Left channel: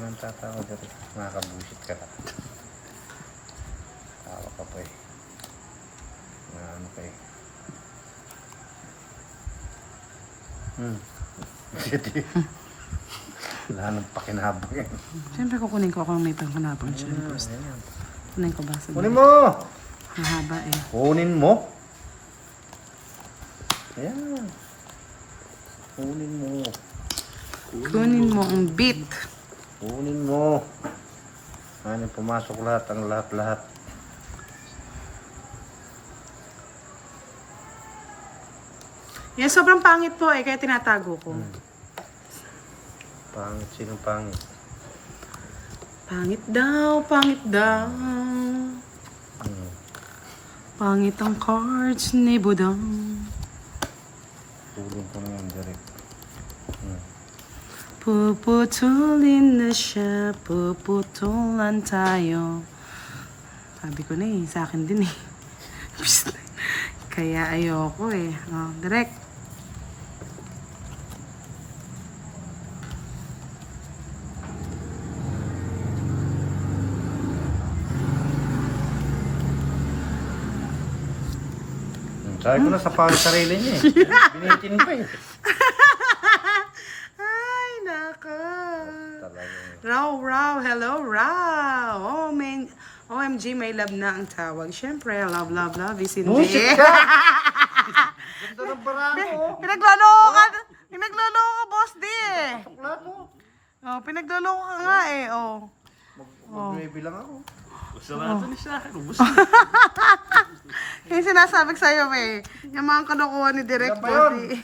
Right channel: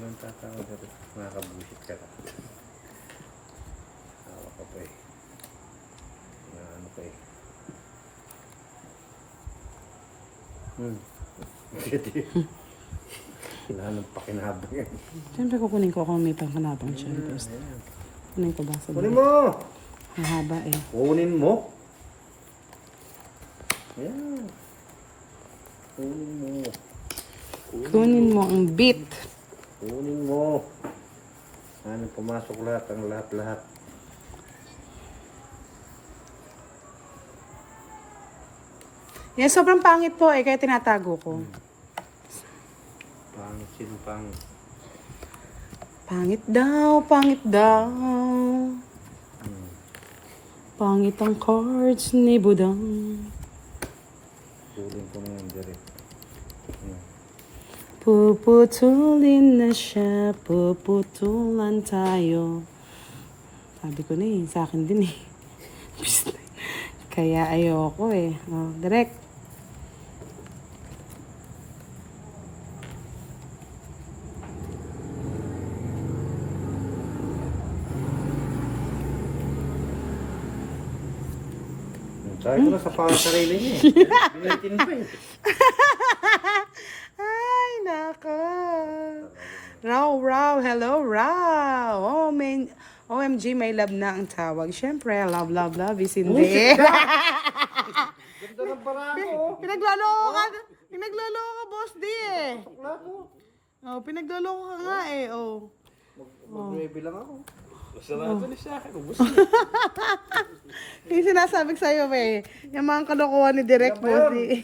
nang tatawag dito. Nakakabusit ka lang. Tawa ka pa eh. Naano pa eh. Hindi. Kailangan ng pakinabang yan. Siyempre kukunin ko kung may pangkanabang siya. Kunin ko ba sa Kunin mo! Mahaba eh. Kunin mo! Ayan. Kunin mo. Kunin mo ang beat. Kunin mo. Ano pumasok lahat, ang lahat-lahat. Yan, sobrang pangit po eh, kaya tinatago ko. Pangit, sinong pangit? Pangit daw, pangit daw. Pangit ang cards ni Budang. Tulong ko naman direct. Puputulin na siya, puputulan tayo. Sabi ko na eh, sa akin din eh. Kaya ayoko eh. Oh, direct. Sabi ko na sa pangit sarili niya eh. Binitin pa eh. Ay, nako. Raw, hello, Raw. Oh, man. OMG, may love na ang tawag. Siyempre, love is in Bullshit there. ka! Ganda ng barako. Pinagloloko ka, boss di eh. Plato. Oh, pinagloloko ka nga eh, oh. Mag-9 lang ako. Sarado ni siya. Ubus Yung sinasabi ko sa'yo, eh. Yung mga kalokohan ni Direct Boss di.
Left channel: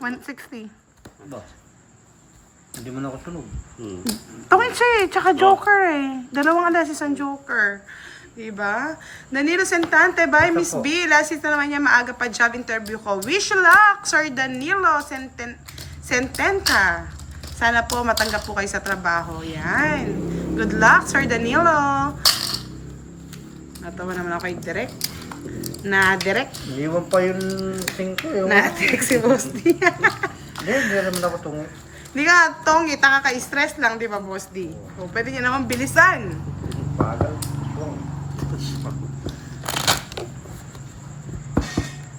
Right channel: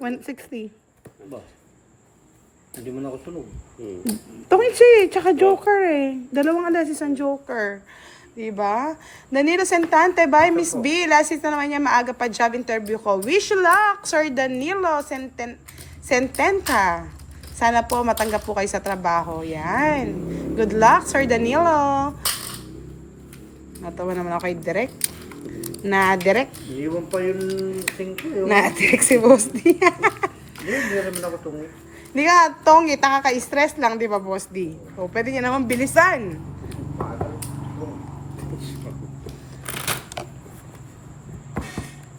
160. Hindi mo na ako tunog. Tungit siya eh, tsaka Joker eh. Dalawang alas isang Joker. Diba? Danilo Sentante by Miss B. Last na naman niya maaga pa job interview ko. Wish you luck, Sir Danilo Sententa. Sana po matanggap po kayo sa trabaho. Yan. Good luck, Sir Danilo. Natawa naman ako kay Direk. Na-direct. Iwan pa yung 5 eh. Na-direct si Boss D. Hindi naman ako tungit. Hindi ka, Tongi, nakaka-stress lang, di ba, Boss D? O, pwede niya naman bilisan. Bagal.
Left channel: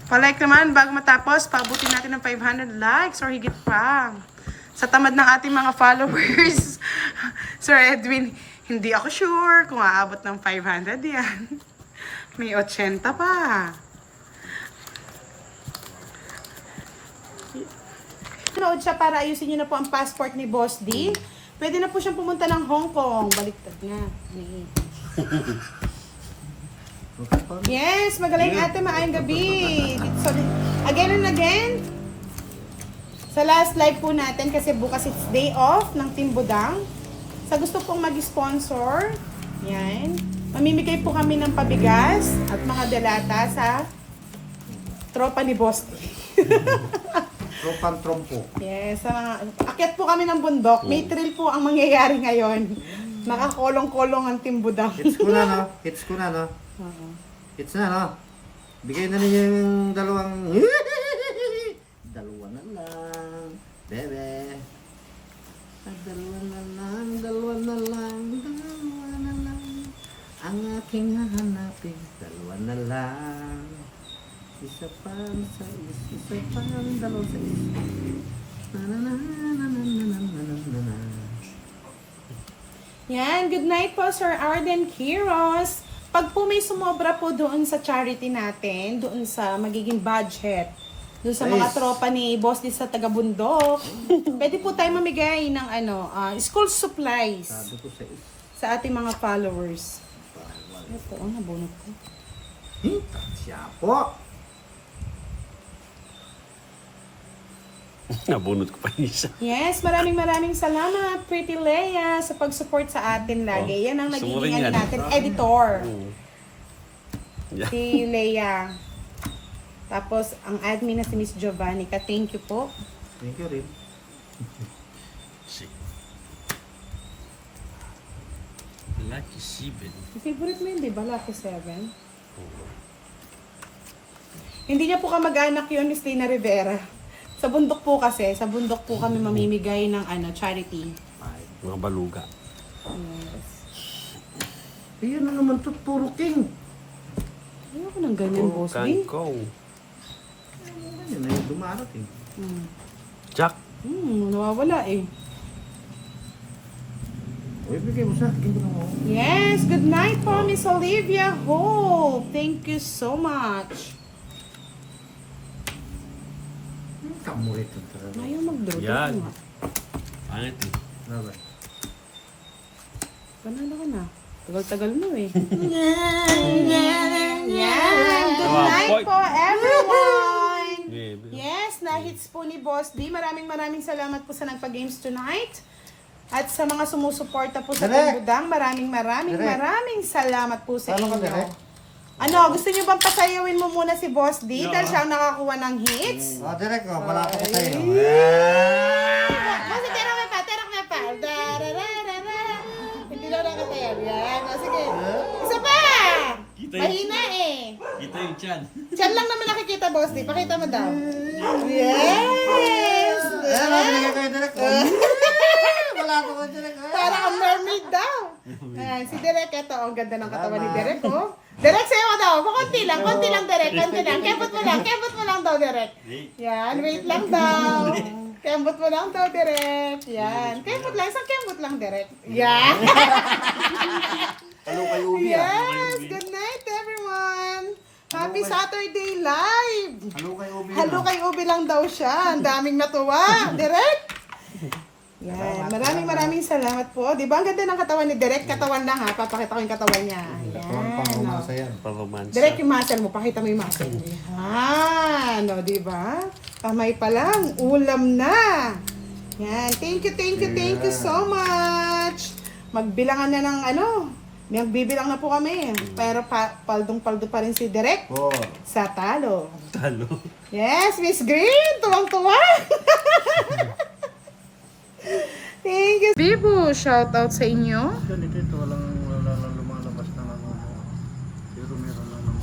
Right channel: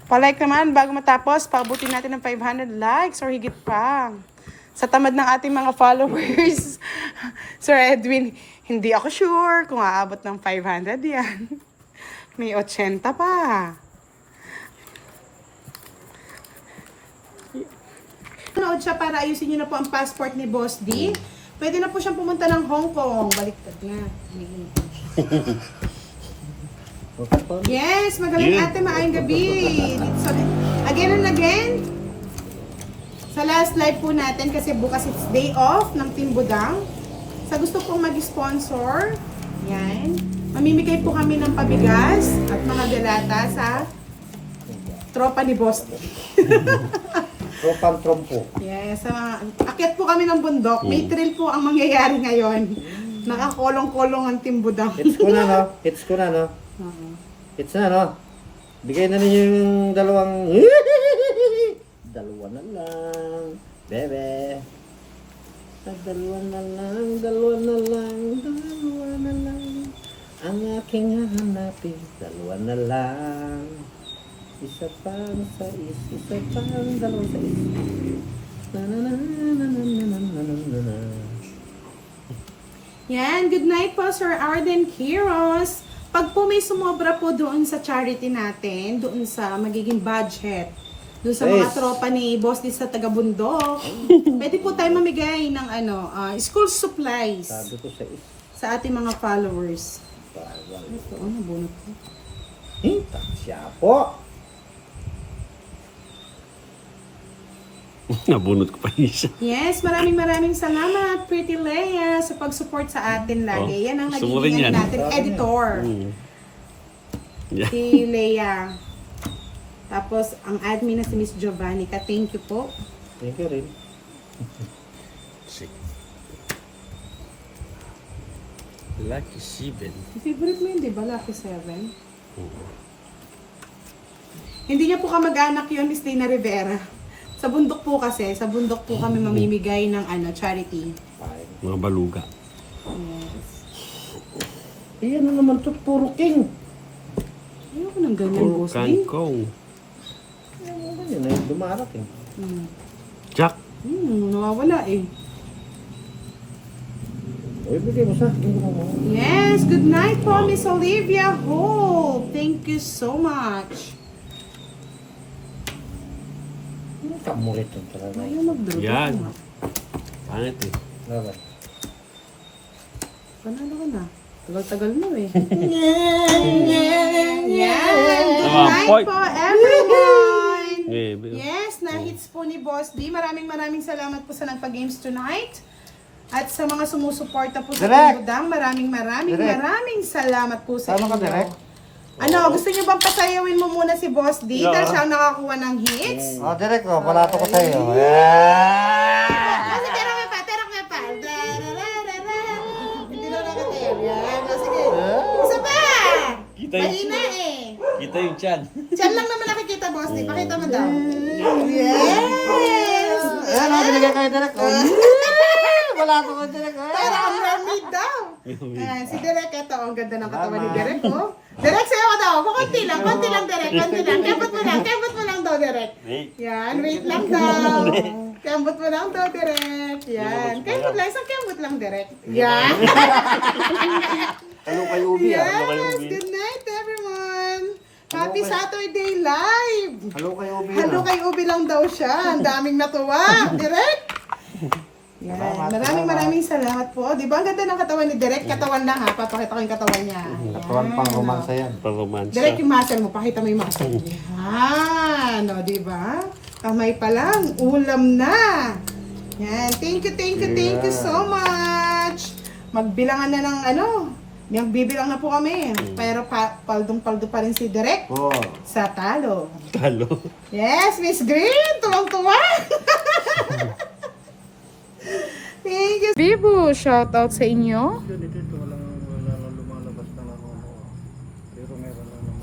Pa-like naman, bago matapos, paabutin natin ng 500 likes or higit pa. Sa tamad ng ating mga followers, Sir Edwin, hindi ako sure kung aabot ng 500 yan. May 80 pa. Nanood siya para ayusin niyo na po ang passport ni Boss D. Pwede na po siyang pumunta ng Hong Kong. Baliktad na. Yes, magaling ate, maayong gabi. Again and again. Sa last live po natin, kasi bukas it's day off ng Team Budang. Sa gusto pong mag-sponsor, yan. Mamimigay po kami ng pabigas at mga delata sa tropa ni Boss D. Tropang trompo. Yes, akyat po kami ng bundok. May thrill po ang mangyayari ngayon. Nakakolong-kolong ang Team Budang. Hits ko na, no? Hits ko na, no? Hits na, no? Bigay na ninyo yung dalawang... Dalawa na lang, bebe. Dalawa na lang, dalawa na lang, dalawa na lang. Ang aking hahanapin, dalawa na lang. Isa pang sais, isa pang dalawang sais. Na na na na na na na na na na. Yan, good night po Sir Arden Quiros. Pag po may sumobra po doon sa charity natin, doon sa magiging budget, doon sa mga Yes. tropa ni Boss D sa Tagabundok, pwede po tayo mamigay ng school supplies Sabi ko sa is. sa ating mga followers. Bawal. Ito, nabunot ko. Siya po. Nabunot ko pa isa. Yes, maraming salamat, Pretty Leia, sa pag-support sa atin lagi. Yan ang gusto mo nagiging rin yan. natin, editor. Yeah. Si Leia. Tapos, ang admin na si Miss Giovanni. Thank you po. Thank you rin. Sick. Lucky 7. Favorite mo yun, di ba? Lucky 7. Hindi niya po kamag-anak yun, Miss Tina Rivera. Sa bundok po kasi, sa bundok po kami mamimigay ng charity. Bye. Mga baluga. Yes. Iyan na naman to, puro king. Ayoko ng ganyan, boss D. Kangkong. Yan ay dumarating. Jack. Nawawala eh. O, ibigay mo sa akin. Yes, good night po, Miss Olivia Holt. Thank you so much. Kamulit ang talaga. Ayaw mag-draw. Yan. Pangit eh. Dapat. Panalo ka na. Tagal-tagal mo eh. Yan. Good night po, everyone. Yes, na-hits po ni Boss D. Maraming salamat po sa nagpa-games tonight. At sa mga sumusuporta po sa Direk! Timbudang, maraming Direk! salamat po sa Ano ka, inyo. Direk? Ano, gusto niyo bang pasayawin mo muna si Boss D dahil siya ang nakakuha ng hits? O, direct ko. Palato ko sa'yo. Kasi terak me pa. Darararara. Hindi na nakatayo. Yan. O, sige. Isa pa! Kita yun. Mahina eh. Kita yung chan. Diyan lang naman nakikita, Boss D. Pakita mo daw. Yes! Ayan, binigyan kayo direct. Palato ko direct. Para ang mermaid daw. Ayan, si Derek, ito. Ang ganda ng katawan ni Derek, oh. Derek, sa'yo ko daw. Konti lang, Derek. Konti lang. Kembot mo lang daw, Derek. Yan, wait lang daw. Kembot mo lang daw, Derek. Yan. Kembot lang, isang kembot lang, Derek. Yan. Ano kayo, Ubi? Yes, good night, everyone. Happy Saturday live. Halo kayo, Ubi. Halo kay Ubi lang daw siya. Ang daming natuwa. Derek. Yan. Maraming salamat po. Di ba ang ganda ng katawan ni Derek? Katawan lang ha. Papakita ko yung katawan niya. Katawan pang romasa yan. Pang-romance. Direct yung muscle mo. Pakita mo yung muscle mo. Yan. O, di ba? Kamay pa lang. Ulam na. Yan. Thank you so much. Magbilangan na ng ano. Magbibilang na po kami. Pero paldong-paldo pa rin si Direk Oh. sa talo. Talo. Yes, Miss Green. Tuwang-tuwa. Thank you. Bibo, shout out sa inyo. Dito, walang lumalabas na nanonood. Pero meron na naman.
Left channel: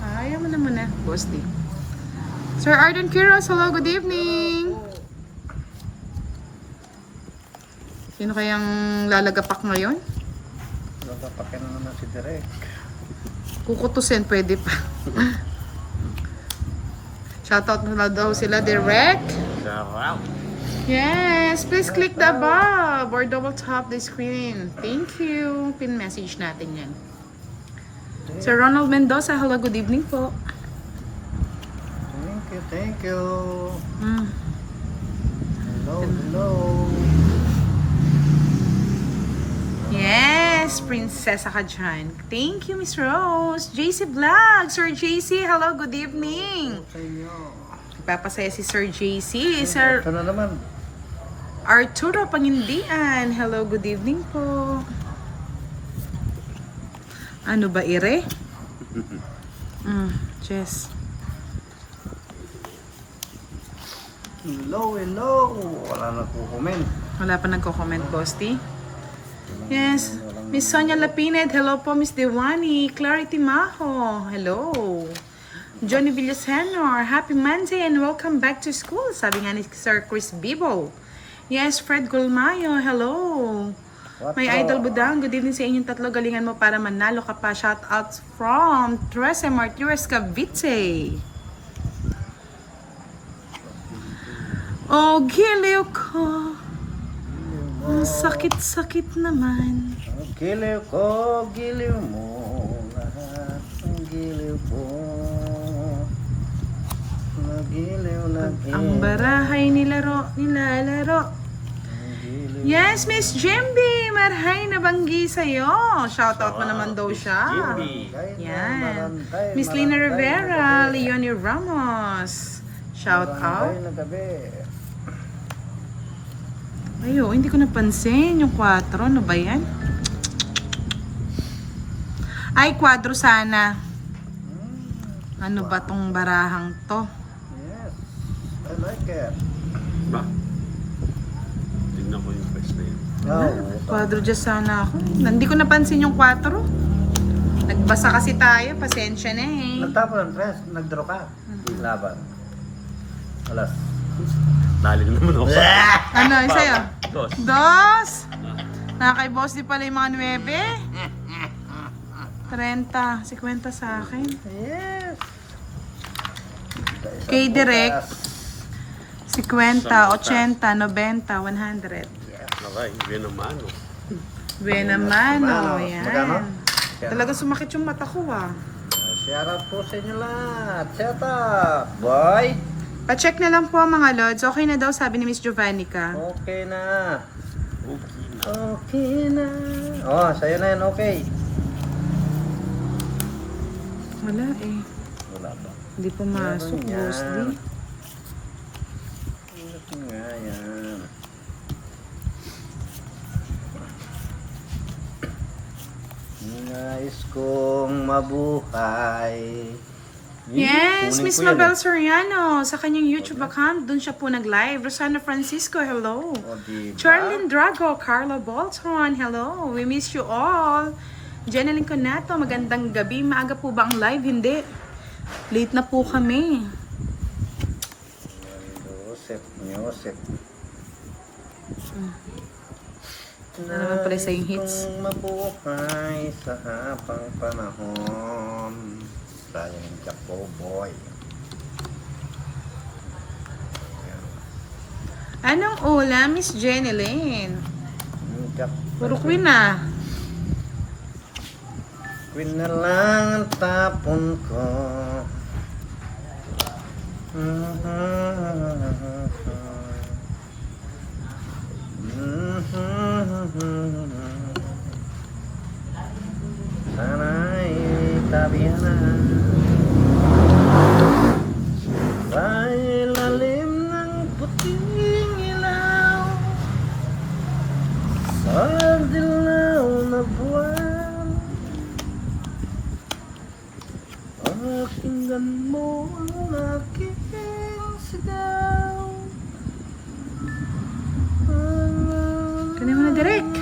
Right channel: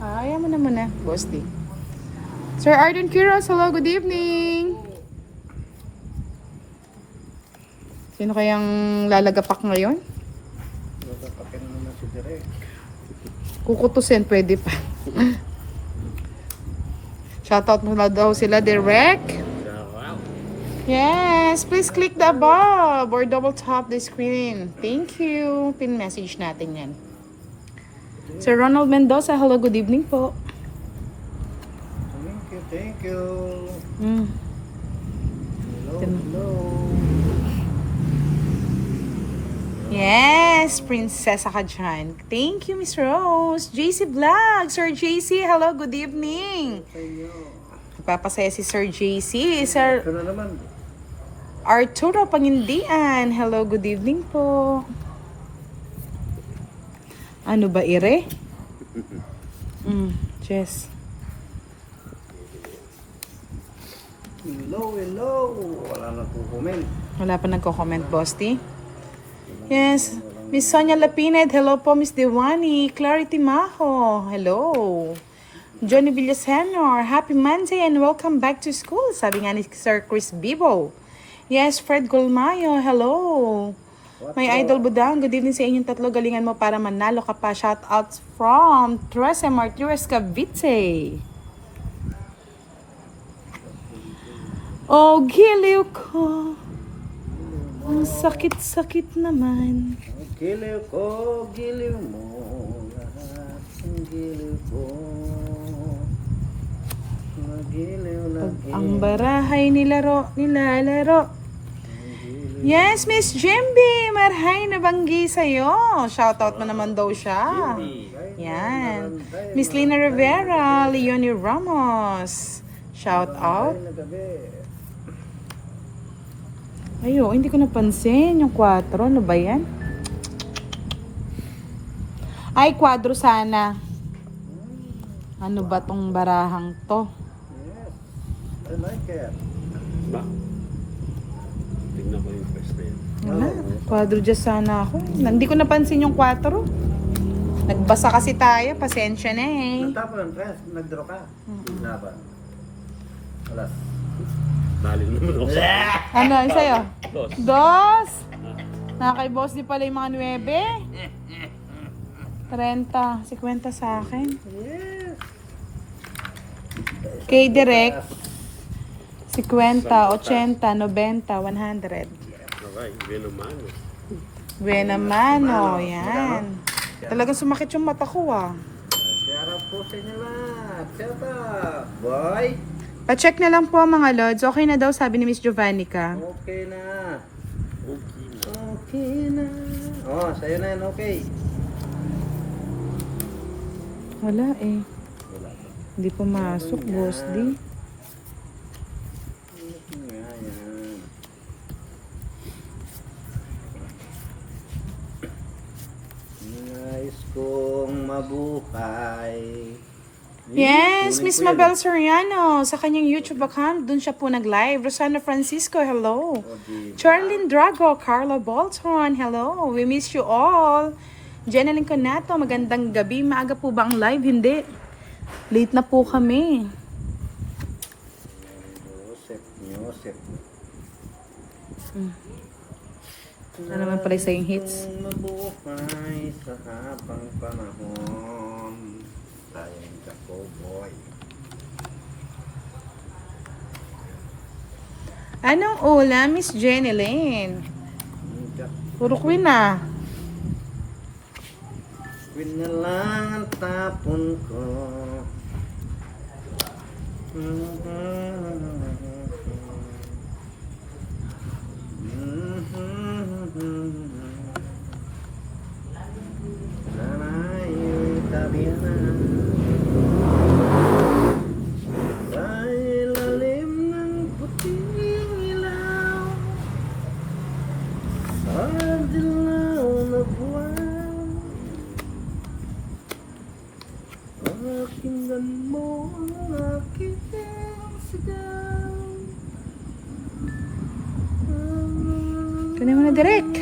Ayaw mo naman na, Boss D. Sir Arden Quiroz, hello, good evening. Sino kayang lalagapak ngayon? Nagpapakin na naman si Direk. Kukutusin, pwede pa. Shoutout mo na daw sila, direct. Sarap. Yes, please click the above or double tap the screen. Thank you. Pin message natin yan. Sir Ronald Mendoza, hello, good evening po. Thank you. Mm. Hello. Yes, prinsesa ka dyan. Thank you, Miss Rose. JC Vlog. Sir JC, hello, good evening. Sa inyo. Ipapasaya si Sir JC. Sir Ito na naman. Arturo Pangindian, hello, good evening po. Ano ba, Ire? Yes. Hello. Wala na po comment. Wala pa nagko-comment, Boss T. Yes. Miss Sonia Lapined, hello po, Miss Diwani. Clarity Maho, hello. Johnny Villasenor, happy Monday and welcome back to school. Sabi nga ni Sir Chris Bibo. Yes, Fred Golmayo, hello. May Idol Budang, good evening sa inyong tatlo. Galingan mo para manalo ka pa. Shout out from Teresa Martires Cavite. Oh, giliw ko. Ang sakit-sakit naman. Giliw ko, giliw mo. Lahat ng giliw ko. Nagiliw lang. Ang barahay nilalaro. Yes, Miss Jimby, marhay na banggi sa'yo. Shoutout mo naman daw siya. Yan. Miss Lina Rivera, Leonie Ramos. Shout out. Ayo, hindi ko napansin yung 4. Ano ba yan? Ay, 4 sana. Ano ba tong barahang to? Yes. I like it. Ba? Tignan ko yung first name. Kwadro dyan sana ako. Hindi ko napansin yung 4. Nagbasa kasi tayo. Pasensya na eh. Nagtapon ng dress, nagdraw ka. Laban. Wala. Dali naman ako. Ano, yung sa'yo? Dos. Dos. Nakakay boss di pala yung mga 9. 30. 50 sa akin. Yes. Kay direct. 50, 80, 90, 100. Okay, yun naman. Buena mano. Magkano? Yan. Talagang sumakit yung mata ko ah. Shout out po sa inyo lahat. Shout out. Boy. Pa-check na lang po mga lods. Okay na daw sabi ni Miss Jovannica. Okay na. Okay. Okay na. Oh, sa'yo na yan. Okay. Wala eh. Wala pa. Hindi pumasok, Meron yan. boss di. Ano nga yan? Nais kong mabuhay. Yes, Kunin Miss ko yan, Mabel Soriano. Sa kanyang YouTube account, dun siya po nag-live. Rosana Francisco, hello. diba? Charlene Drago, Carla Bolton, hello. We miss you all. Jeneline Conato, magandang gabi. Maaga po ba ang live? Hindi. Late na po kami. Yosef. Ano naman pala sa yung hits? Kung mabuhay sa habang panahon. Talent ka po, boy. Anong ulam, Miss Jeneline? Puro queen ah. Queen na lang ang tapon ko. Sana'y tabi na sa ilalim ng puting ilaw, sa dilaw na buwan. Pakinggan mo ang aking sigaw. Kunin mo na direct.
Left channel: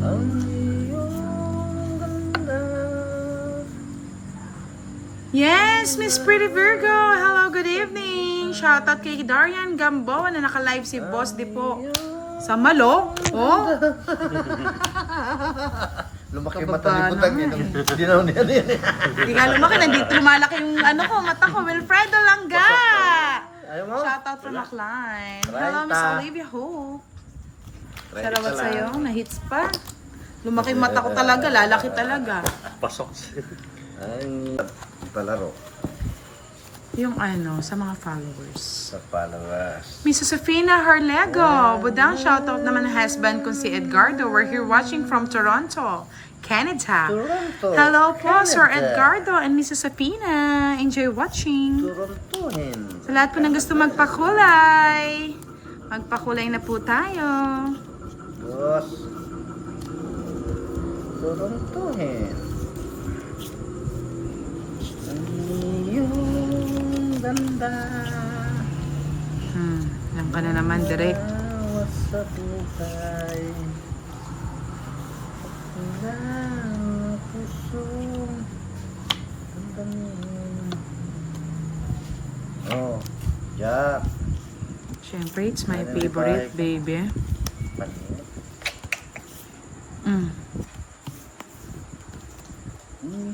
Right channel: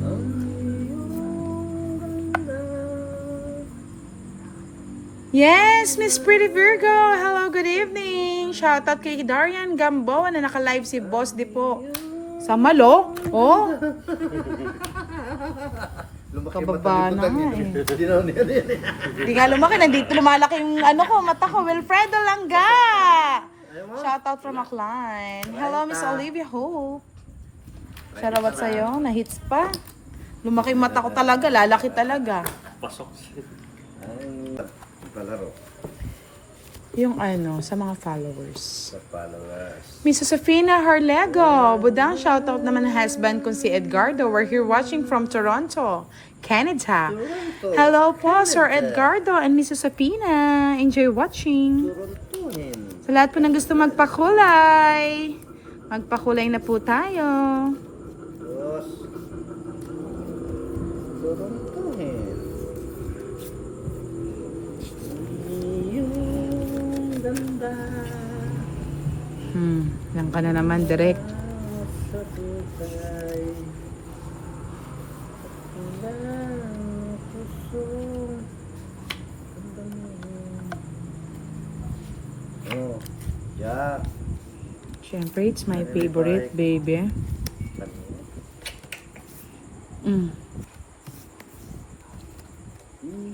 Ang iyong ganda. Yes, Miss Pretty Virgo. Hello, good evening. Shoutout kay Darian Gamboa na naka-live si Boss di po. Sa Malo? Oh, Lumaki Kababa mata ni Butang na eh. Hindi na niya niya. di nga lumaki. Nandito lumalaki yung ano ko, mata ko. Wilfredo Langga. Ayaw mo? Shoutout from Aklan. Right, Hello, Miss ah. Olivia Hope. Right, Salamat isa sa'yo. lang. Na-hits pa. Lumaki yung mata ko talaga. Lalaki talaga. Pasok. Ay, palaro Yung ano, sa mga followers. sa followers. Miss Josefina Harlego. Budang shoutout naman ng husband kong si Edgardo. We're here watching from Toronto, Canada. Toronto. Hello po, Sir Canada. Edgardo and Miss Josefina. Enjoy watching. Torontohin. Sa lahat po ng gusto magpakulay, magpakulay na po tayo. Boss. Torontohin. Ang iyong ganda. Yan ka na naman, direct. Awas sa buhay. Wala ang pusong ang daming. Oh, Jack. Siyempre, it's my favorite, baby. Maliit.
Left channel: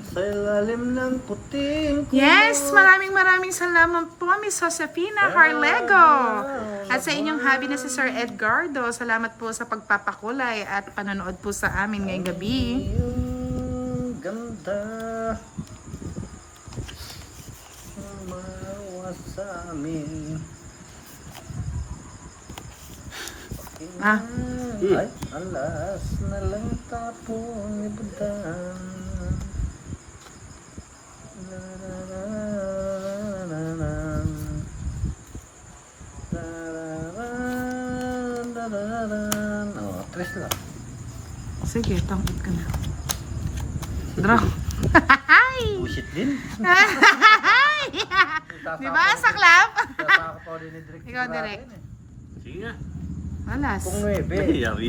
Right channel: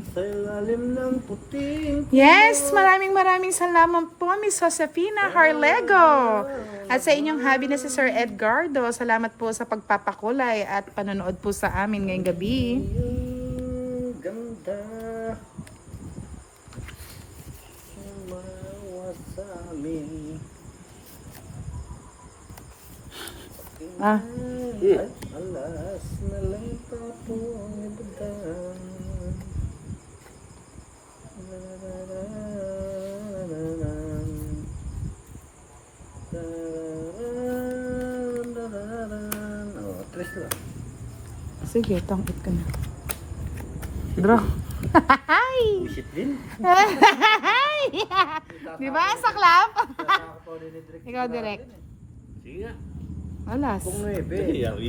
Sa ilalim ng puting. Yes, maraming salamat po, Miss Josefina Harlego. At sa inyong hubby na si Sir Edgardo, salamat po sa pagpapakulay at panonood po sa amin ngayong gabi. Yung ganda. Umawa sa amin. Ah. Ay, alas na lang tapong ibadan. Oh, tres lang. Sige, tangit ka na. Draw. Hi! Bullshit din. Di ba? Saklap? Nakakapaw din ni Drake. Ikaw, direct. Sige nga. Alas. Kung 9. Nangyayari.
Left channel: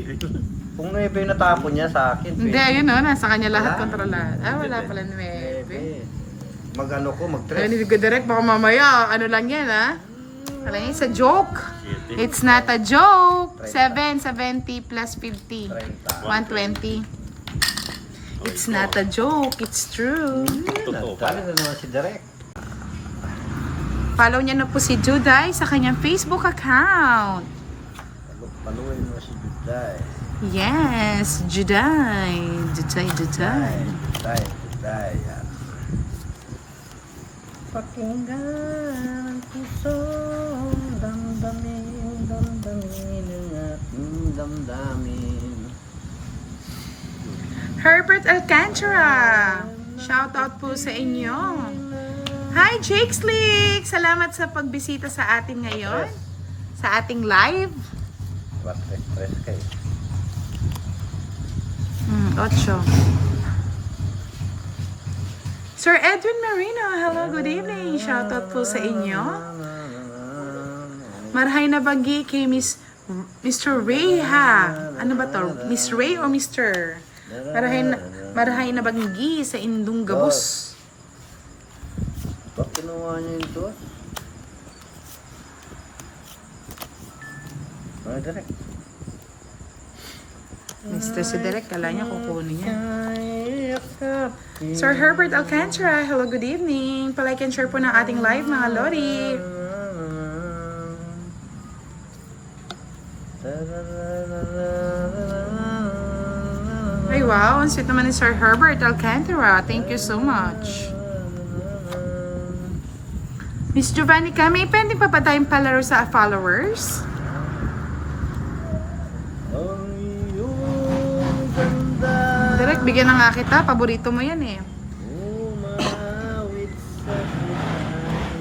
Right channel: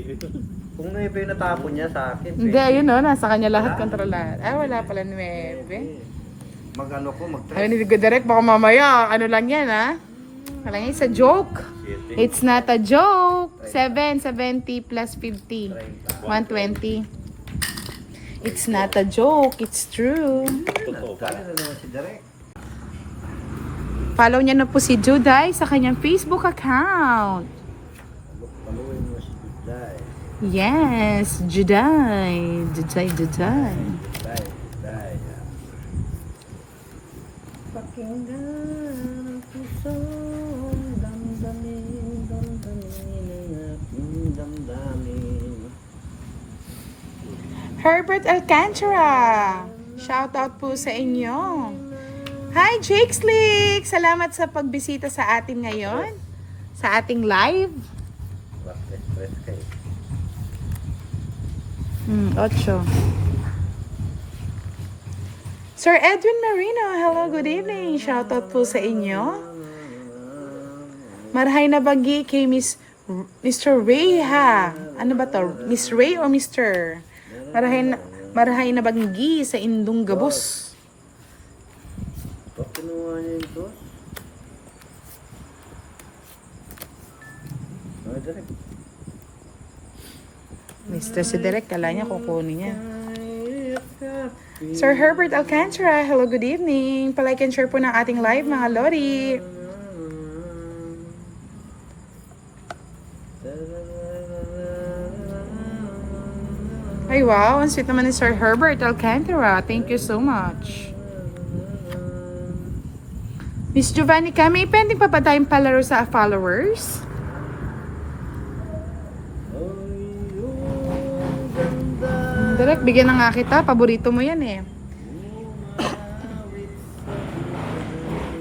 Kung 9 yung natapon niya sa akin. Hindi, yun o. Nasa kanya lahat, kontrolahan. Ah, wala pala 9. Mag ano ko, mag Ay, tres. hindi ko direct. Baka mamaya, ano lang yan, ha? Kala niya, it's a joke. It's not a joke. 770 plus 50. 120. It's not a joke. It's true. Totoo pa. Dami na naman si Direk. Follow niya na po si Juday sa kanyang Facebook account. Paluin mo si Juday. Yes, Juday. Juday. Juday. Pakinggan pusong damdamin ang ating damdamin. Herbert Alcantara. Shout out po sa inyo. Hi, Jake Slick! Salamat sa pagbisita sa ating ngayon. Sa ating live. What express kayo? 8. Sir Edwin Marino, hello, good evening. Shout out po sa inyo. Marhay na bagi kay Mr. Ray ha. Ano ba to? Miss Ray o Mr.? Marhay na bagi sa Indong Gabos. Ba't kinuha niyo ito? Ano Direk? Mr. Si Derek, kala niya kukunin niya. Sir Herbert Alcantara, hello, good evening. Palike and share po ng ating live, mga Lodi. Ay wow, ang sweet naman ni Sir Herbert Alcantara. Thank you so much. Miss Giovanni, may pending pa ba tayong palaro sa followers? Direk, bigyan na nga kita. Paborito mo yan eh.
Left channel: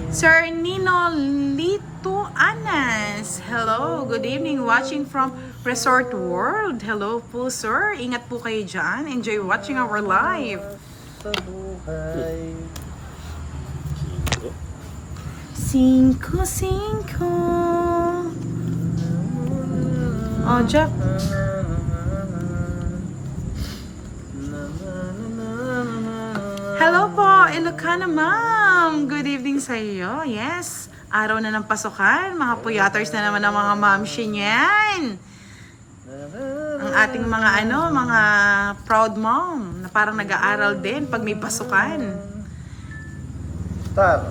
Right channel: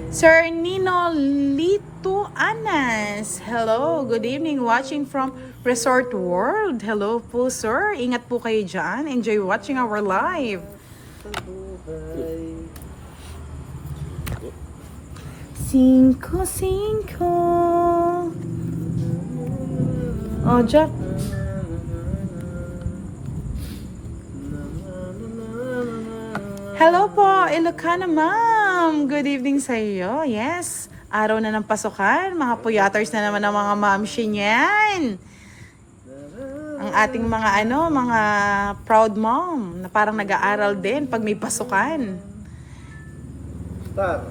Sir Nino Lito Anas. Hello, good evening. Watching from Resort World. Hello po, sir. Ingat po kayo dyan. Enjoy watching our live. Cinco. Oh, Jack. Hello po, Ilocana Ma'am. Good evening sa iyo. Yes, araw na ng pasukan. Mga puyaters na naman ang mga mamshi niyan. Ang ating mga mga proud mom na parang nag-aaral din pag may pasukan. Star.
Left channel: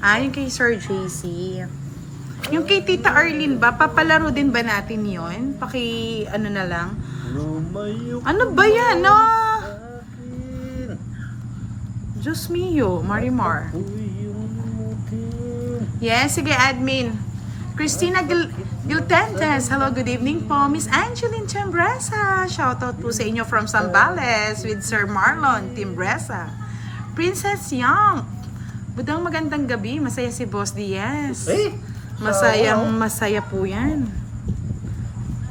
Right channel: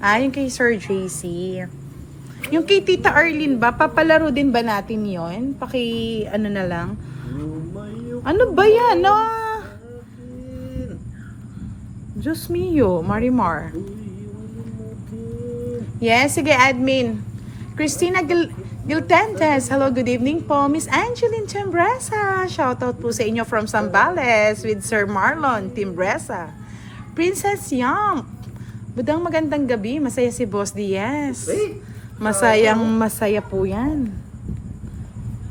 Yung kay Sir JC. Yung kay Tita Arlene ba, papalaro din ba natin yon? Ano na lang? Ano ba yan? Diyos mio, Marimar. Yes, sige, admin. Christina Giltentes, hello, good evening po. Miss Angeline Timbresa, shoutout po sa inyo from Zambales with Sir Marlon Timbresa. Princess Yam, budang magandang gabi, masaya si Boss Diaz. Masaya po yan.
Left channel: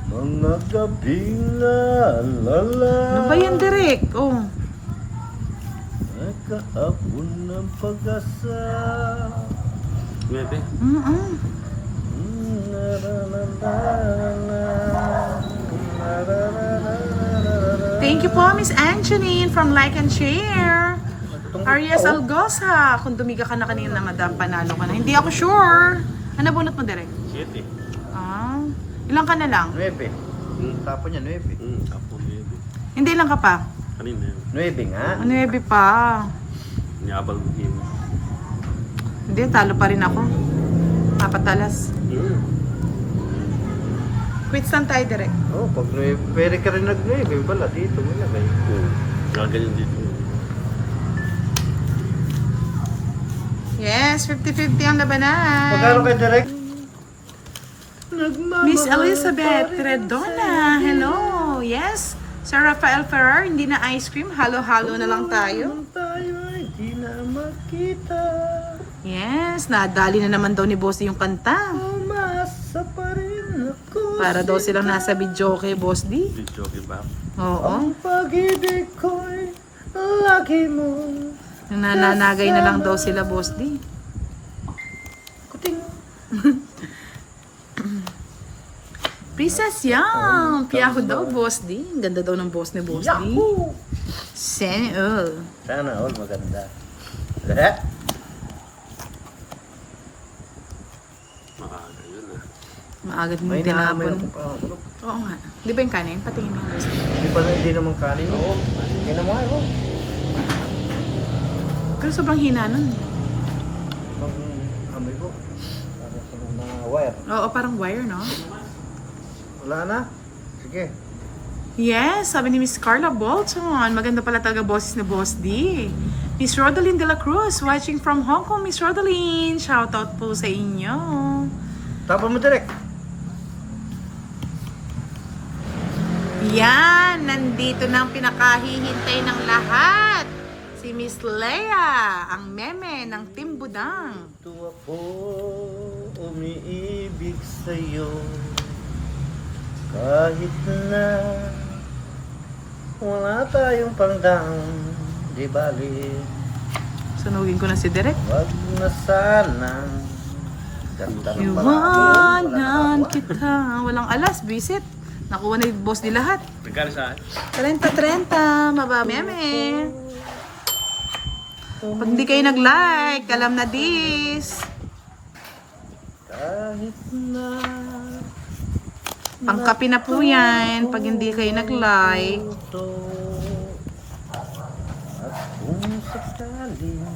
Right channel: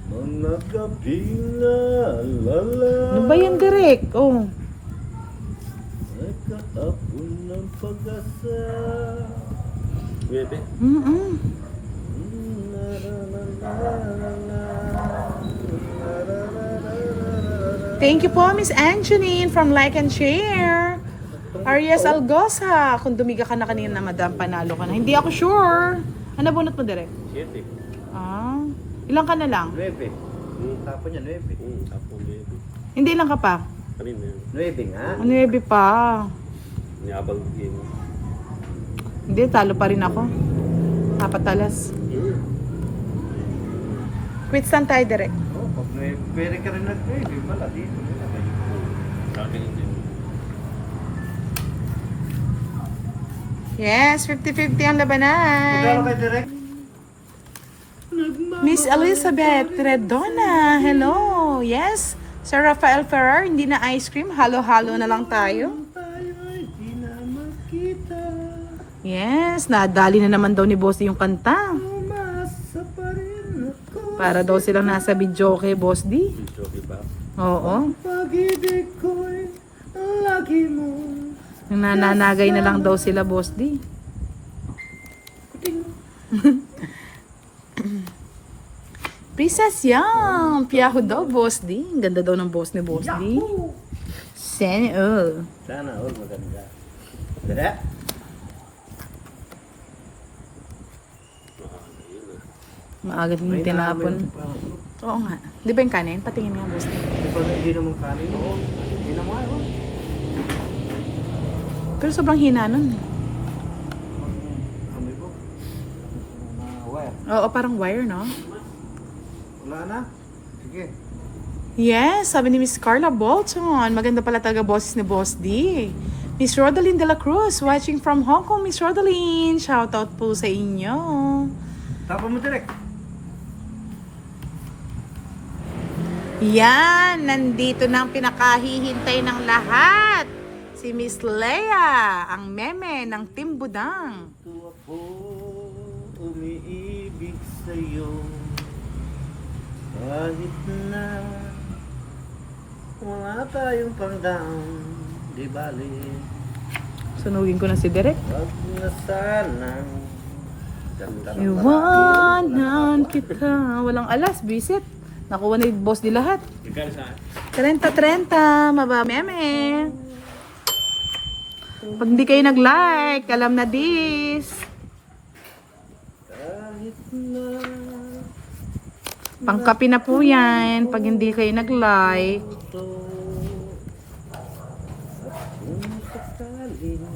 Mga gabi na lala. Ano ba yan, Direk? Oh. Nagkahapon ng pag-asa. Bebe. Thank you po, Miss Angeline from Like and Share. Arias Algosa, kung dumiga ka na kanina, madam, panalo ka na. Hindi ako sure. Ano bunot mo, Direk? 7. Ilang ka na lang? 9. Tapon niya, 9. Kapo 9. Hindi lang ka pa? Kanina. 9 nga. 9 pa. Niabang game. Hindi, talo pa rin ako. 4 alas. Quits lang tayo, Direk. Oh, pag 9, pwede ka rin nag-9 pala dito. Malagay. Gaganyan din. Yes, 50-50 ang labanan. Magkano kayo direct? Miss Elizabeth Redona, hello. Yes, Sir Rafael Ferrer, hindi na ice cream, halo-halo na lang tayo. Tayo ay di na makita. Yes, nadali na naman daw ni Boss yung kanta. Umasa pa rin ako. Para daw silang nasa video kay Boss D. Video ba? Oo. Ang pag-ibig ko'y lagi mo. Nananagay na lang daw sila, Boss D. Kuting. Princess Yang, piyaho daw, Boss D. Ang ganda daw ng boss ni Boss D. Yahoo! Sana all. Sana all maganda. Maaga din May naamoy tinapon. akong pangatulog. Oo nga. Di ba yung kanin? Patingin mo. Boss. Hindi naman kanin. Oo. Hindi naman ako. Pero sobrang hina nun. Ang amoy ko. Parang sa mga wire. Oo, parang wire, no? Wala na? Sige. Yes, sabi ni Miss Carla Bolton. Maganda pala talaga boses ni Boss D. Miss Rodaline de la Cruz, watching from Hong Kong. Miss Rodaline, shoutout po sa inyo. Tapon mo direct. Yan, nandito na ang pinakahihintay ng lahat. Si Miss Leia, ang meme ng Team Budang. Ito ako, umiibig sa'yo. Kahit na wala tayong pangdang, di bali. Sunugin ko na si Derek. Wag na sanang ganda ng Iwanan kita. Walang alas, visit. Nakuha na yung boss di lahat. Nagkano sa akin? 30-30, mababa meme. Pag hindi kayo nag-like, alam na this. kahit na Pangkapi na po yan pag hindi kayo nag-like. ito. At kung sakaling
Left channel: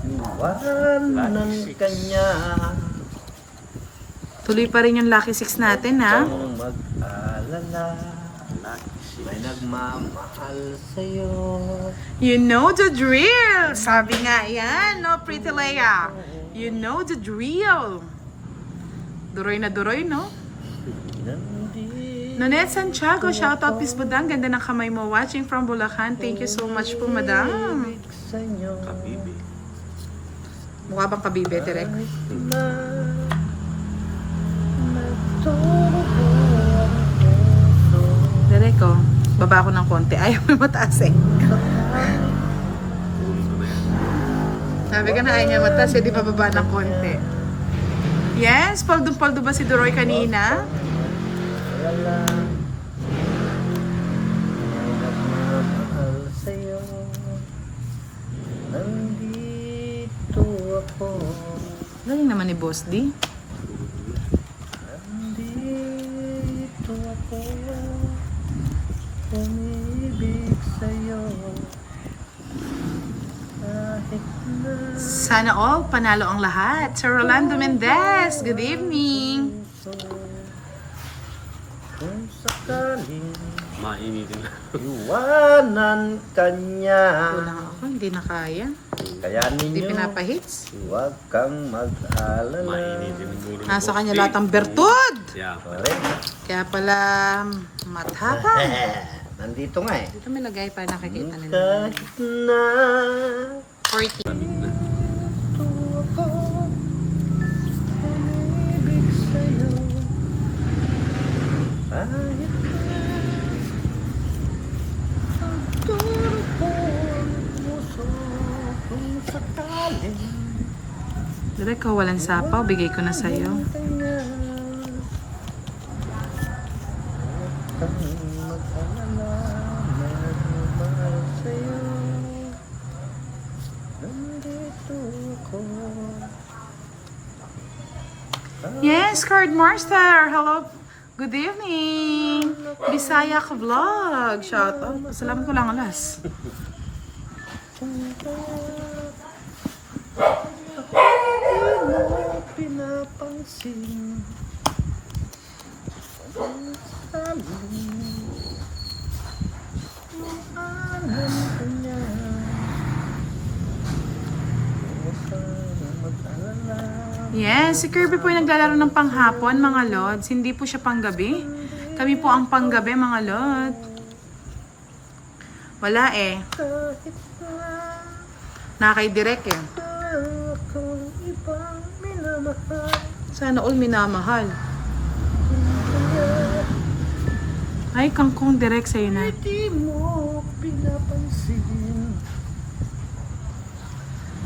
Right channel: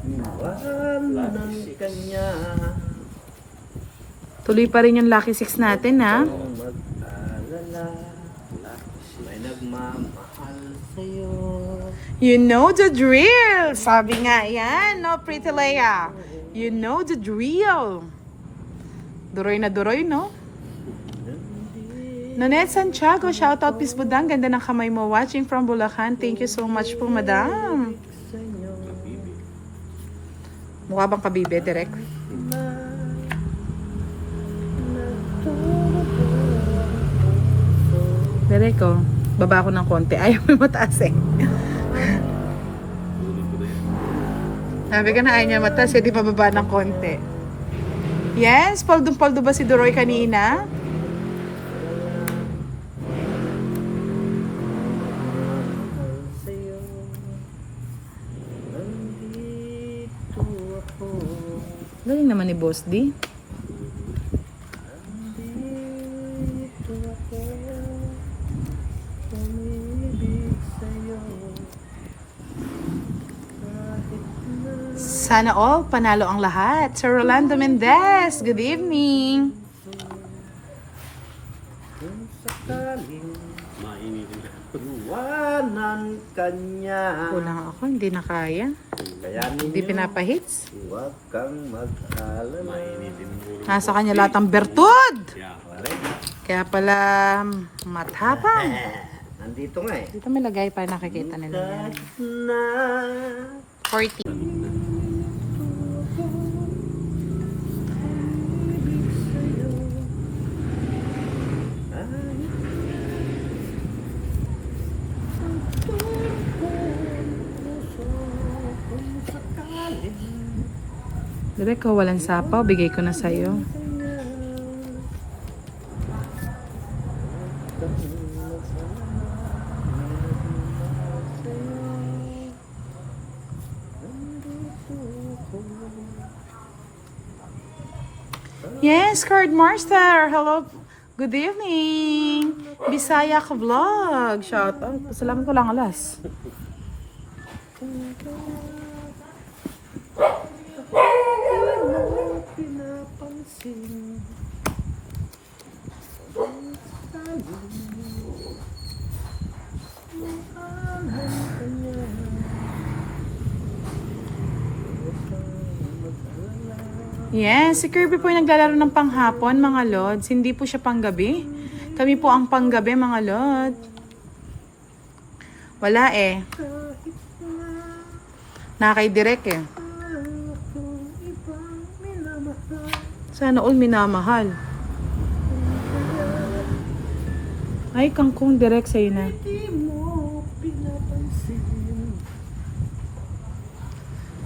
iwanan ka niya, Tuloy pa rin yung Lucky 6 natin, ha? ang mag-alala, may nagmamahal sa'yo. You know the drill! Sabi nga yan, no, Pretty Leia? You know the drill. Duroy na duroy, no? Nandito Nanette Santiago, shoutout Miss Budang. Ganda ng kamay mo. Watching from Bulacan. Thank you so much po, madam. sa'yo. Kabibi. Mukha bang kabibe, Derek? Na nagturo ang puso. Derek, oh. Baba ko ng konti. Ayaw mo mataas, eh. Ulo ko na yan. Sabi ka na ayaw niya mataas, eh. Di pa baba ng konti. Yes, poldo ba si Duroy kanina? Wala nagmamahal sa'yo. Nandito ako. Galing naman ni Boss D. Nandito ako. Umibig sa'yo. Kahit na Sana all, panalo ang lahat. Sir Rolando Mendez, good evening. kung sakaling Mainitin lang. iwanan ka niya. Kulang ako, hindi na kaya. Kaya Hindi ninyo, pinapahits. huwag kang mag-alala. Mainitin ang ulo. Nasa kanya lahat ang bertod. Yeah. Correct. Kaya pala matapang. Nandito nga eh. Dito may lagay pa nakikita nila. Kahit na 40. ito ako, umibig sa'yo. Kahit na pagturo ko ang puso kung sakaling Direk ko, walang sapaw. Bigay ko na sa'yo. Yes, Card Master. Hello. Good evening. Bisaya ka vlog. Shout out. Salamat ko lang alas. Pinapansin ang saling alam ko niya. Huwag kang mag-alala. Yes, si Kirby po yung naglalaro ng panghapon, mga lods. Hindi po siya panggabi. Kami po ang panggabi, mga lod. Wala eh. Kahit Nakay-direct eh. na akong ibang minamahal. Sana all minamahal. Ay, kangkong direct sa'yo na. Di mo pinapansin.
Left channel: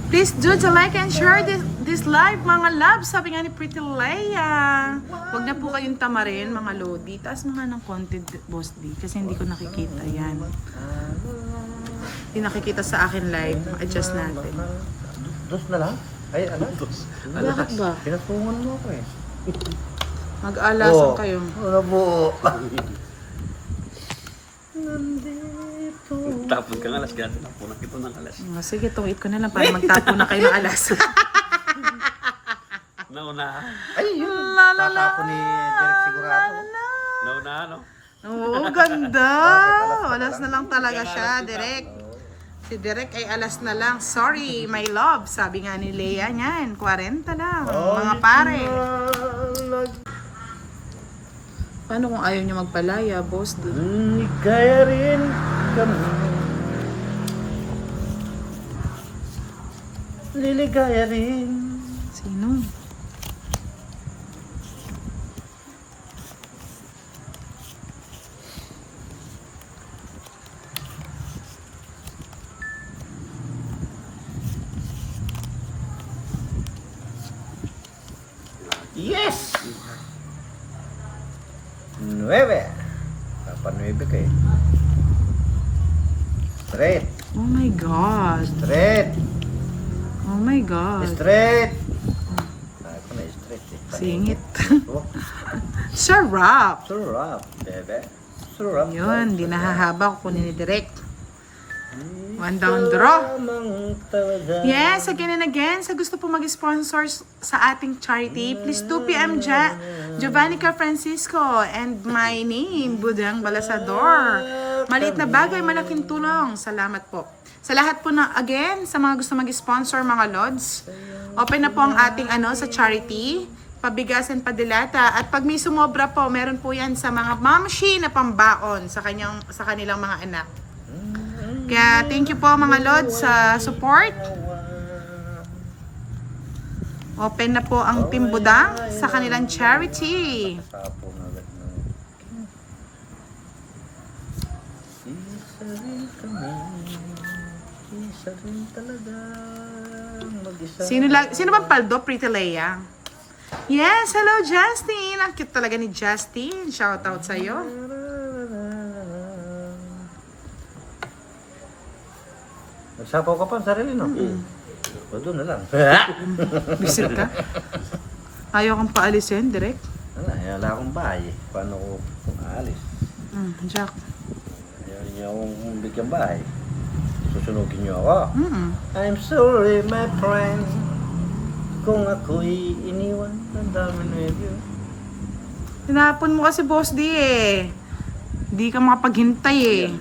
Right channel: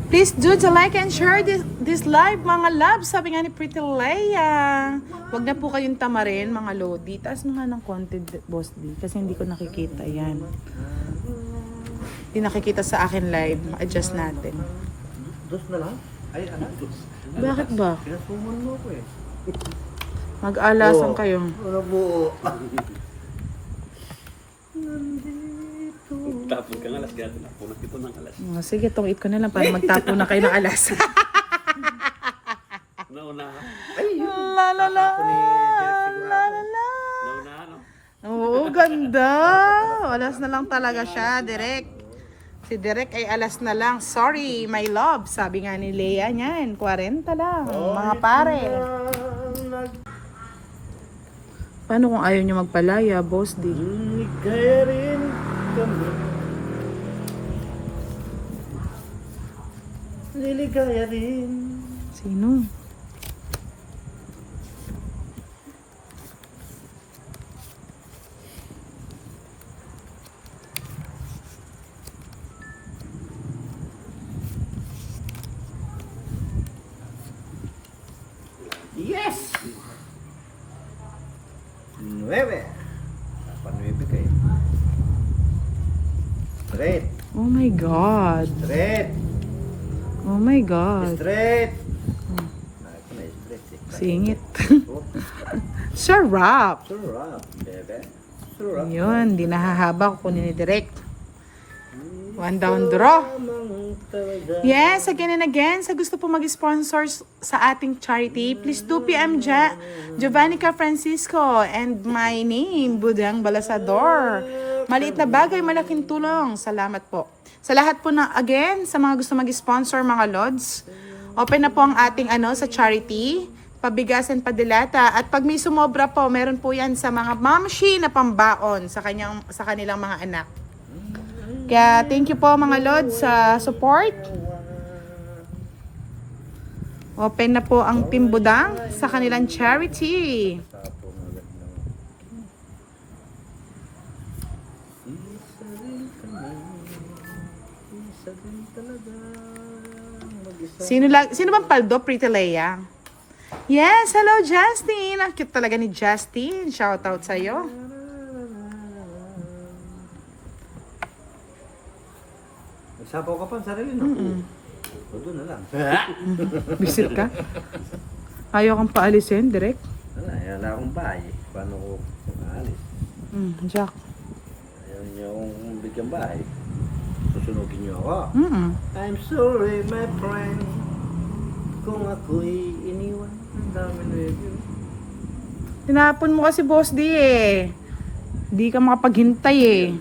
Please do to like and share this live, mga loves. Sabi nga ni Pretty Leia. Huwag na po kayong tamarin, mga lodi. Taas mga ng content, Boss D. Kasi hindi ko nakikita. Yan. Hindi nakikita sa akin live. Ma-adjust natin. Dos na lang? Ay, ano? Bakit ba? Pinatungan mo ako eh. Mag-alasan kayo. Ano po? Tapos ka ng alas ka. Punak ito ng alas. Sige, tungit ko na lang para magtapo na kayo ng alas. Nauna. Ay, yun. La la la. Tatapo ni Derek sigurado. Nauna, ano? Oo, ganda. Alas na lang talaga siya, Direk. Si Direk ay alas na lang. Sorry, my love. Sabi nga ni Leia niyan, 40 lang. Mga pare. Paano kung ayaw niya magpalaya, boss? Di? Kaya rin kami. Liligaya rin. Sino? Yes! 9. Dapat 9 kayo. Straight. Oh my God. Straight. Oh my God. Straight. Ako na straight eh. Singit. Oh, Sarap. Sarap, bebe. Sarap. Yun, di nahahaba ko kunin ni Direk. One down draw. Lamang talaga. Yes, again and again, sa gusto po mag-sponsor sa ating charity, please 2 p.m. Giovannica Francisco and my name, Budang Balasador. Maliit na bagay, malaking tulong. Salamat po. Sa lahat po na, again, sa mga gusto mag-sponsor, mga Lods, open na po ang ating sa charity, pabigasan padilata. At pag may sumobra po, meron po yan sa mga mamshi na pambaon sa kanilang mga anak. Kaya thank you po mga Lods sa support. Open na po ang Team Budang sa kanilang charity. Tapo na agad na. Isa rin kami. Isa rin talaga. Mag-isa. Sino bang paldo? Pretty Leia. Yes, hello Justin. Ang cute talaga ni Justin. Shout out sa'yo. Nagsapaw ka pa ang sarili, no? O, doon na lang. Bisit ka. Ayaw kang paalisin, direct. Wala akong bahay. Paano ko kung aalis? Jack. Ayaw niyo akong bigyan bahay. Susunugin niyo ako. Mm-mm. I'm sorry, my friend. Kung ako'y iniwan, tandaan mo yun. Tinapon mo kasi boss di eh. Di ka makapaghintay eh.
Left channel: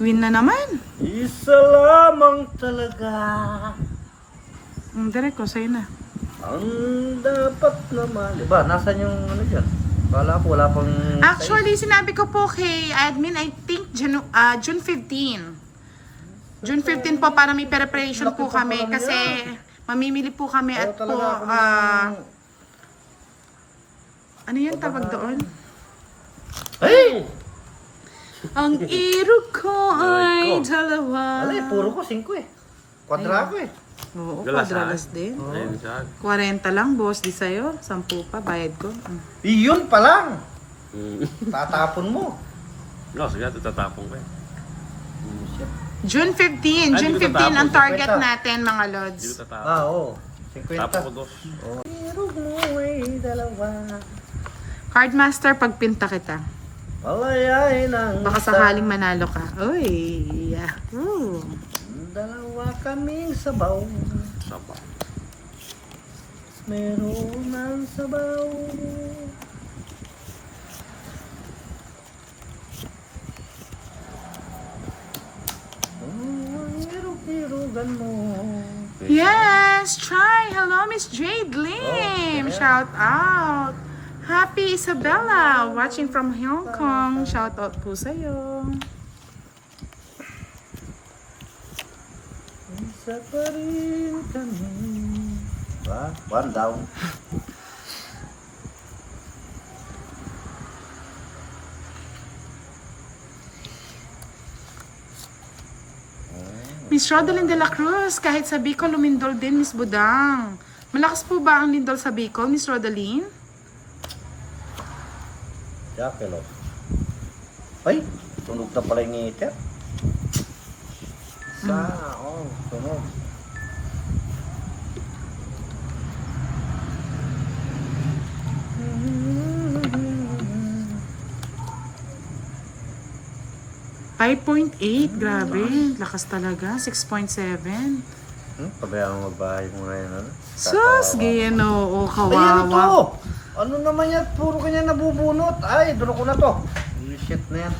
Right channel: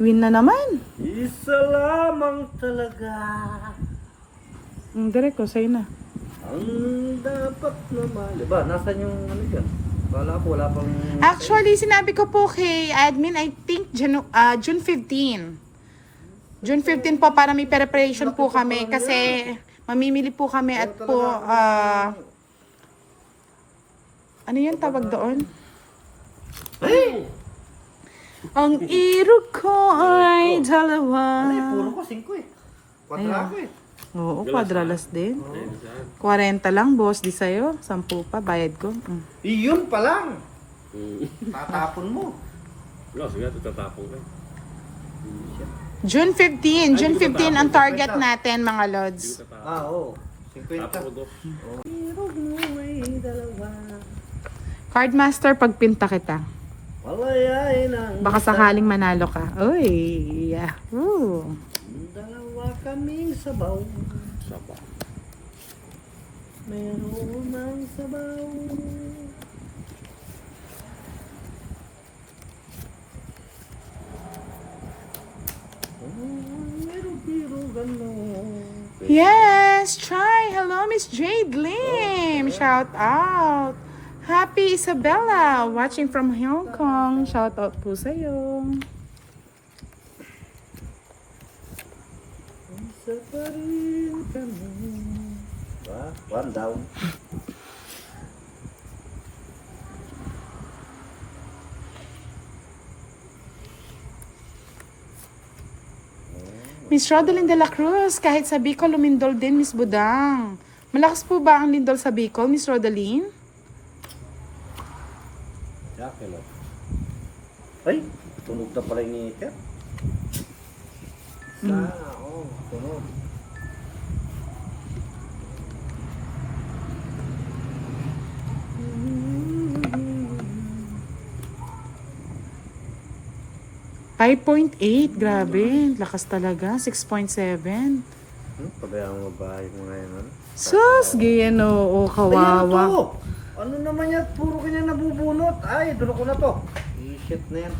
Queen na naman. Isa lamang talaga Direct ko, sa'yo na. ang dapat na mali. Ba, nasan yung ano dyan? Bala ko, wala pang... Actually, sinabi ko po kay admin, I think June 15. June 15 po para may preparation po kami kasi mamimili po kami at po ano yan tawag doon? Hey! Ang irog ko ay dalawa. Alay, puro ko 5 eh. Kwadra ko eh. Oo, Dalas, kwadralas din. Ayun siya. 40 lang, boss. Di sa'yo. 10 pa, bayad ko. Iyon pa lang. Tatapon mo. No, sige, tatapong ko eh. June 15. Ay, June hindi ko 15 ang tatapon. target 50. natin, mga Lods. Hindi ko tatapong. Oo. 50. Tapos ko dos. Irog mo ay dalawa. Cardmaster, pagpinta kita. Alayain ang Baka sakaling manalo ka. Uy, yeah. Ooh. dalawa kaming sabaw. Saba. Meron ang sabaw. Irog-irogan mo. Yes, try. Hello, Miss Jade Lim. Shout out. Happy Isabella, watching from Hong Kong. Shout out po sa'yo. Isa pa rin kami. Ba? One down. Miss Rodelyn de la Cruz, kahit sa Bicol, lumindol din, Miss Budang. Malakas po ba ang lindol sa Bicol, Miss Rodelyn? Jackalope. Ay, tunog na pala yung ngiter. Tunog. 5.8, grabe. Lakas talaga. 6.7. Pabayaan mo bahay mo ngayon, ano? Sus, Ginoo, Ay, ano to? kawawa. Ano naman yan? Puro kanya nabubunot. Ay, doon ako na to. Ay, shit na yan.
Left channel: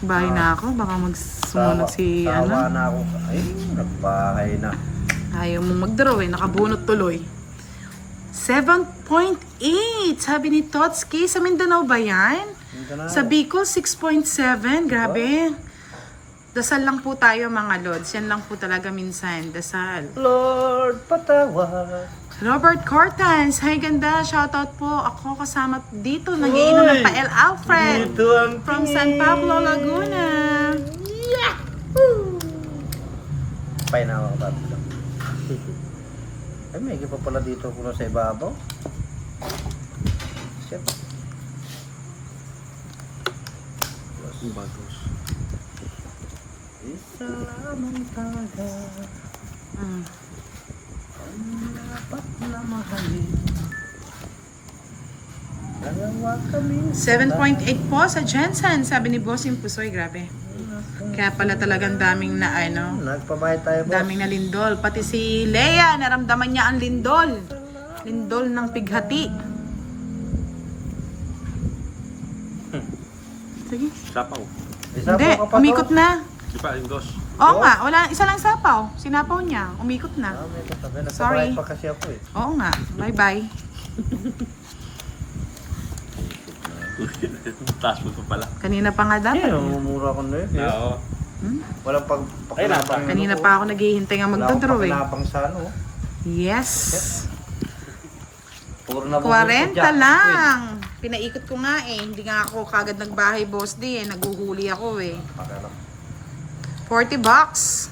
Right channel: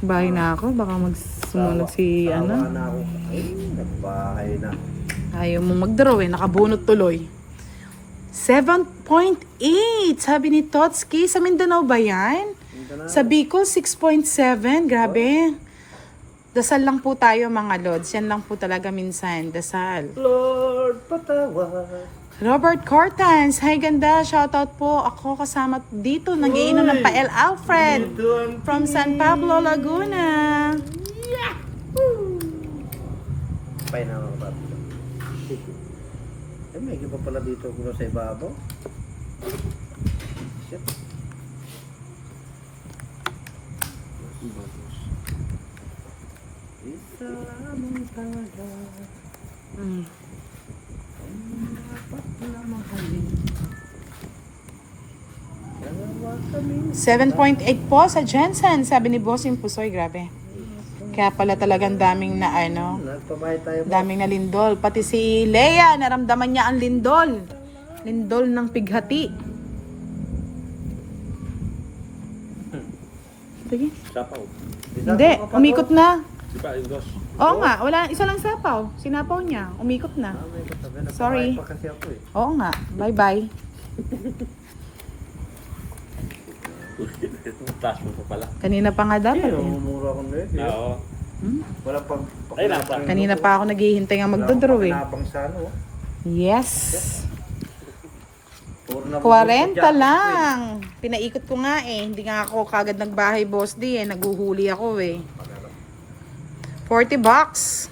Bahay na ako, baka magsumunod si Sawa ano. na ako. Ay, nagbahay na. Ayaw mo mag-draw eh, nakabunot tuloy. 7.8, sabi ni Totski. Sa Mindanao ba yan? Sa Bicol, 6.7, grabe. Dasal lang po tayo mga lods. Yan lang po talaga minsan, dasal. Lord, patawad. Robert Cortans, hi ganda, shoutout po. Ako kasama dito, nagiinom ng Pael Alfred. Ito ang From San Pablo, Laguna. Pay na ako dito. Ay, may pa pala dito kuno sa ibabaw. Shit. Bagos. Isa lamang talaga Mm. ang dapat na mahalin. Dalawa kami. 7.8 po sa Jensen, sabi ni Bossing Pusoy, grabe. Kaya pala talagang daming na ano, Nagpabahay tayo, boss. daming na lindol. Pati si Leia, naramdaman niya ang lindol. Lindol ng pighati. Sige. Sapaw. Hindi, umikot na. Di pa, yung dos. Oo nga, wala, isa lang sapaw. Sinapaw niya, umikot na. Sorry. Nagpabahay pa kasi ako eh. Oo nga, bye-bye. Taas mo pa pala. Kanina pa nga dapat. Ay, namumura ako na yun. eh. Oo. Walang pakinapang. Kanina pa ako naghihintay nga magdodraw eh. Pakinapang sa ano. Yes. Puro na 40 lang. Pinaikot ko nga eh. Hindi nga ako kagad nagbahay, boss di eh. Naguhuli ako eh. 40 bucks.